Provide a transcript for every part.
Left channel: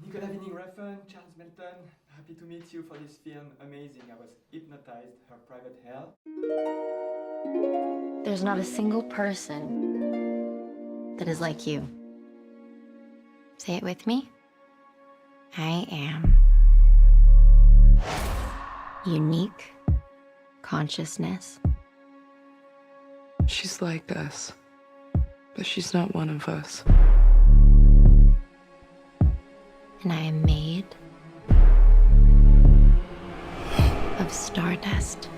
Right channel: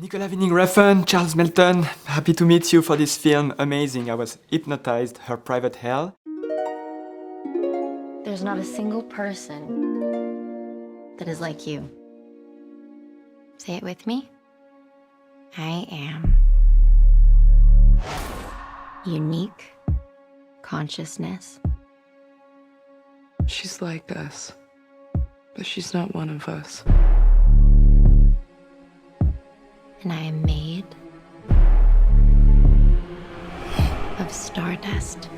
Nicolas Winding Refn, Charles Melton, happy to meet you for this film. Amazing, I was hypnotized, Her Private Hell. There's not a single person that is like you. Say it with me. I am unique consciousness. She's like us, but she's not one of us. And I am made of stardust.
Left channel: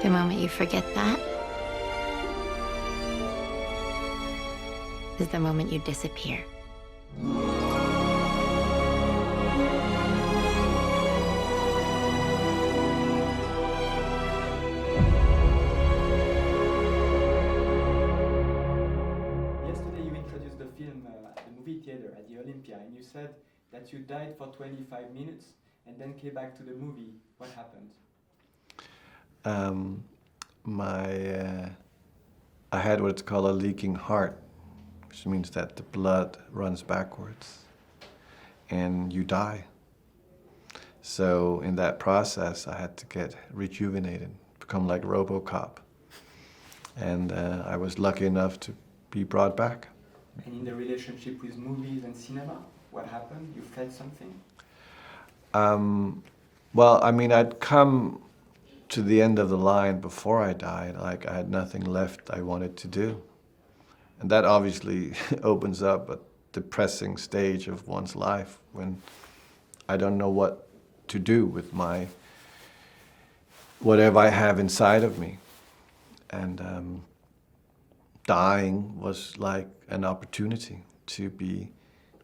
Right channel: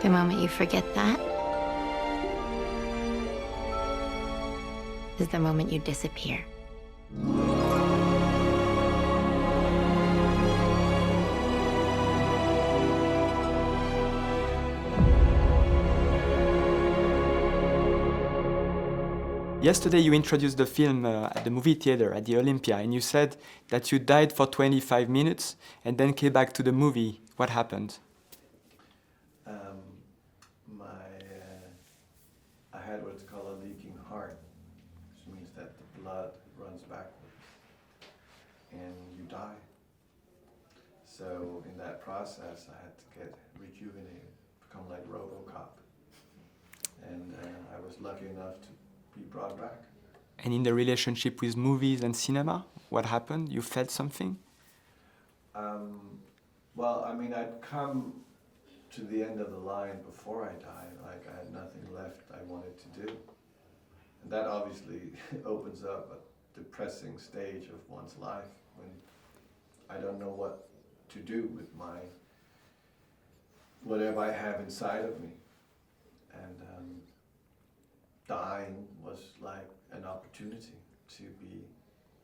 The moment you forget that is the moment you disappear. Yesterday you introduced the film at the movie theater at the Olympia, and you said that you died for 25 minutes and then came back to the movie. What happened? I had what's called a leaking heart, which means that the blood runs backwards and you die. So in that process, I had to get rejuvenated, become like RoboCop. And I was lucky enough to be brought back. And in the relationship with movies and cinema, what happened? You felt something? Well, I mean, I'd come to the end of the line before I died, like I had nothing left I wanted to do. And that obviously opens up a depressing stage of one's life when I don't know what to do with whatever I have inside of me. And dying was like an opportunity to be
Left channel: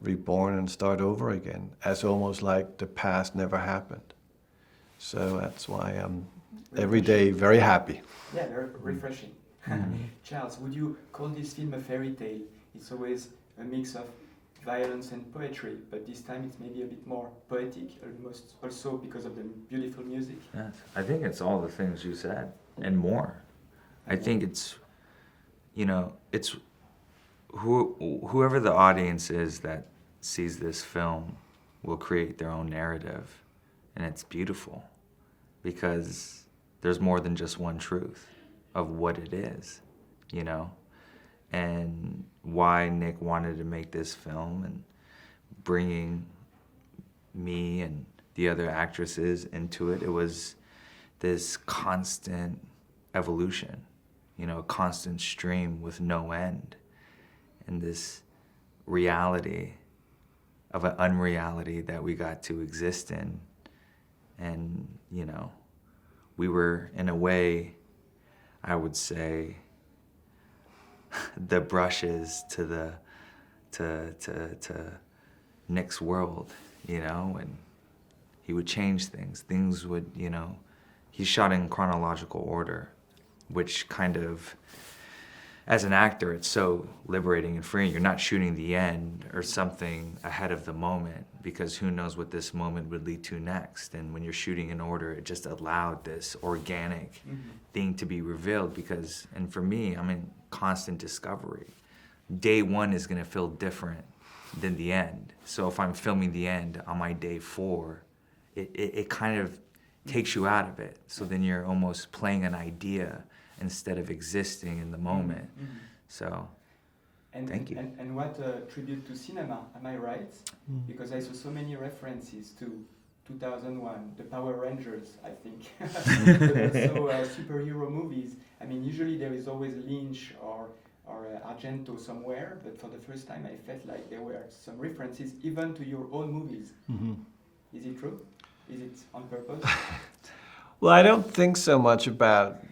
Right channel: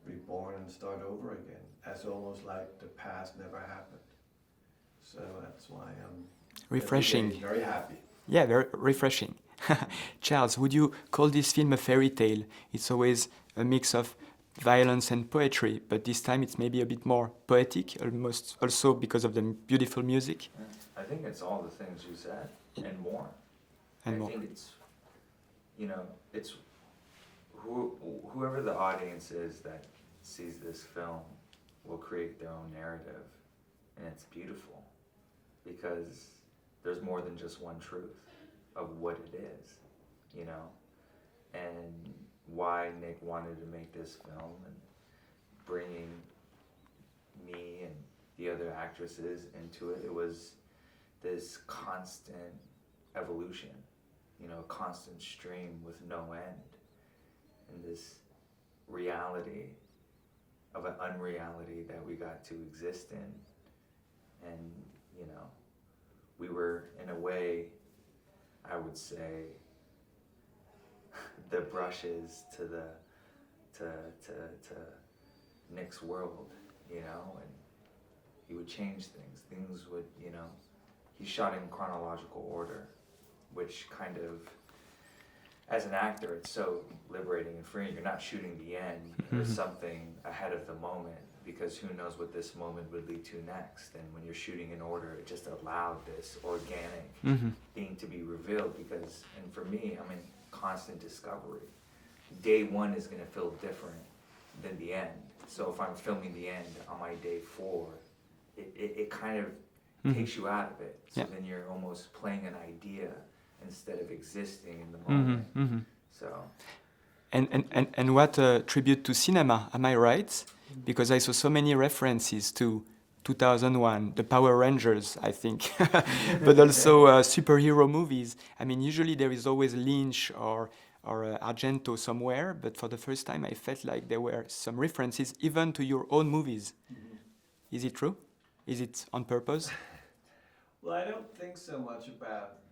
reborn and start over again, as almost like the past never happened. So that's why I'm every day very happy. Yeah, very refreshing. Charles, would you call this film a fairy tale? It's always a mix of violence and poetry, but this time it's maybe a bit more poetic, almost also because of the beautiful music. Yeah, I think it's all the things you said and more. I think it's, you know, it's whoever the audience is that sees this film will create their own narrative, and it's beautiful because there's more than just one truth of what it is, you know, and why Nick wanted to make this film and bringing me and the other actresses into it. It was this constant evolution, you know, a constant stream with no end, and this reality of an unreality that we got to exist in. And, you know, we were, in a way, I would say, the brushes to Nick's world, you know, and he would change things. Things would, you know, he shot in chronological order, which kind of, as an actor, it's so liberating and freeing. You're not shooting the end or something ahead of the moment, because who knows what this moment would lead to next. And when you're shooting in order, it just allowed this organic thing to be revealed because, and for me, I'm in constant discovery. Day one is gonna feel different than the end. So if I'm filming the end on my day 4, it kind of takes you out of it. So then you're almost playing an idea instead of existing in the moment. So. And what a tribute to cinema, am I right? Because I saw so many references to 2001, the Power Rangers, I think, but also superhero movies. I mean, usually there is always Lynch or Argento somewhere, but for the first time I felt like there were some references even to your own movies. Is it true? Is it on purpose? Well, I don't think so much about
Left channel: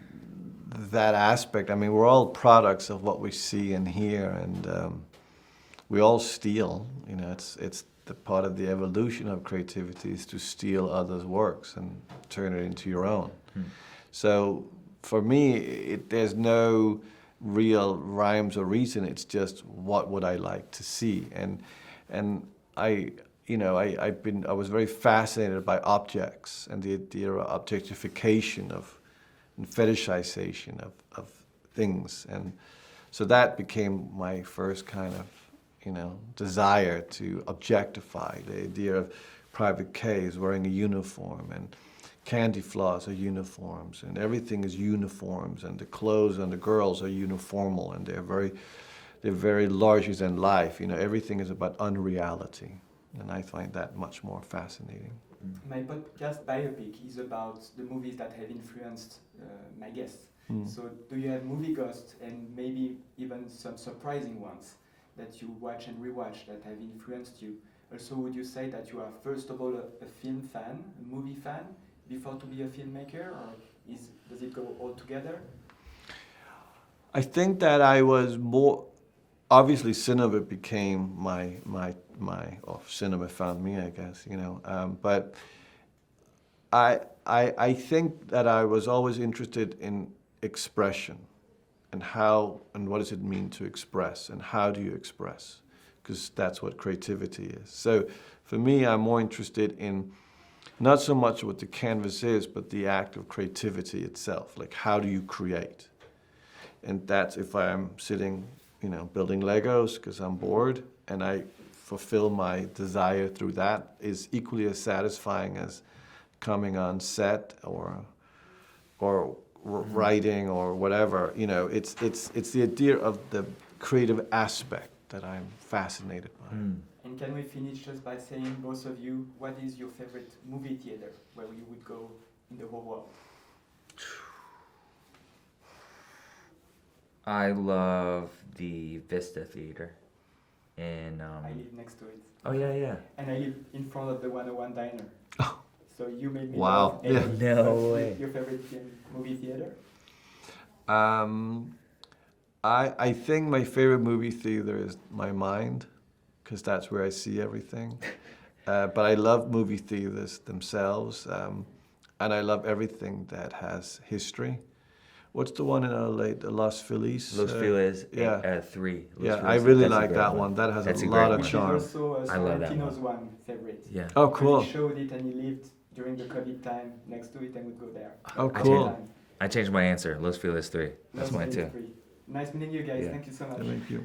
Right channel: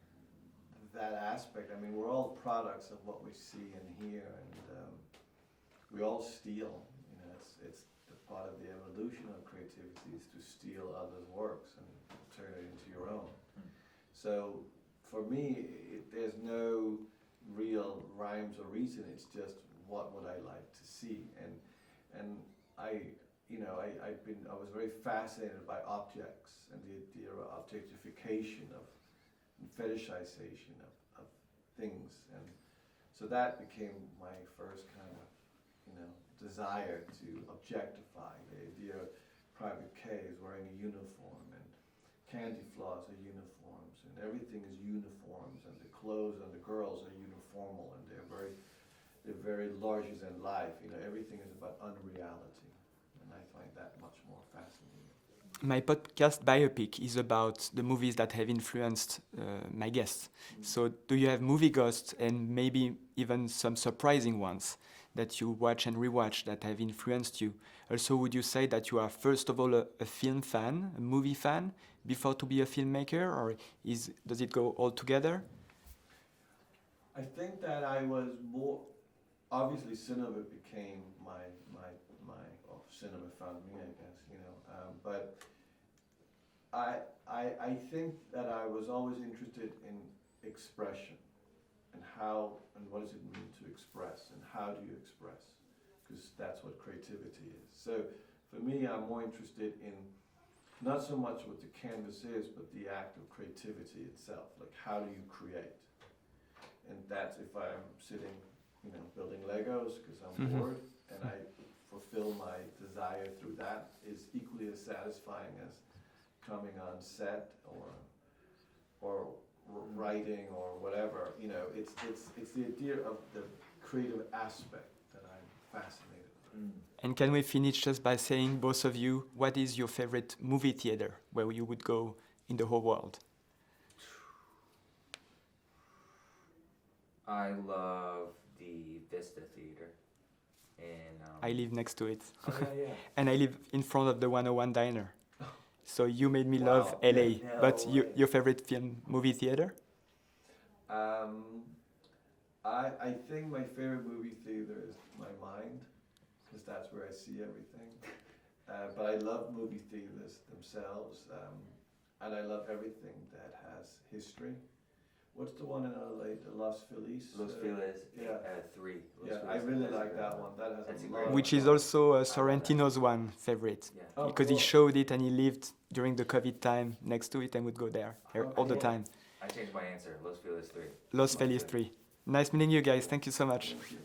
that aspect. I mean, we're all products of what we see and hear, and we all steal. You know, it's the part of the evolution of creativity is to steal others' works and turn it into your own. So for me, there's no real rhymes or reason. It's just what would I like to see, and I was very fascinated by objects and the idea of objectification and fetishization of things, and so that became my first kind of desire to objectify the idea of Private K's wearing a uniform, and Candy Floss are uniforms, and everything is uniforms, and the clothes on the girls are uniformal, and they're very larger than life. Everything is about unreality, and I find that much more fascinating. My podcast Biopic is about the movies that have influenced my guests. So do you have movie ghosts, and maybe even some surprising ones that you watch and rewatch that have influenced you? Also, would you say that you are first of all a film fan, a movie fan, before to be a filmmaker, or does it go all together? I think that I was more, obviously cinema became or cinema found me, I guess, but I think that I was always interested in expression, and what does it mean to express, and how do you express, because that's what creativity is. So for me, I'm more interested in not so much what the canvas is, but the act of creativity itself. Like, how do you create? And that's if I'm sitting, building Legos because I'm bored, and I fulfill my desire through that, is equally as satisfying as coming on set or writing or whatever. It's the idea of the creative aspect that I'm fascinated by. And can we finish just by saying, both of you, what is your favorite movie theater where you would go in the whole world? I love the Vista Theater. And I live next to it. Oh, yeah. And I live in front of the 101 Diner. So you made me Wow. love LA. Yeah. No But way. your favorite movie theater? I think my favorite movie theater is my mind, because that's where I see everything. But I love movie theaters themselves, and I love everything that has history. What's the one in LA, the Los Feliz? Los Feliz, 3. Yeah, I really like that one. That has That's a a lot great of one. Which is charm. also I love that Sorrentino's one favorite. Yeah. Oh, Because cool. he showed it and he lived during the COVID time next to it and would go there Oh, every cool. time. I changed my answer. Los Feliz 3. Los That's mine Feliz too. 3. Nice meeting you guys. Yeah. Thank you so much. Thank you.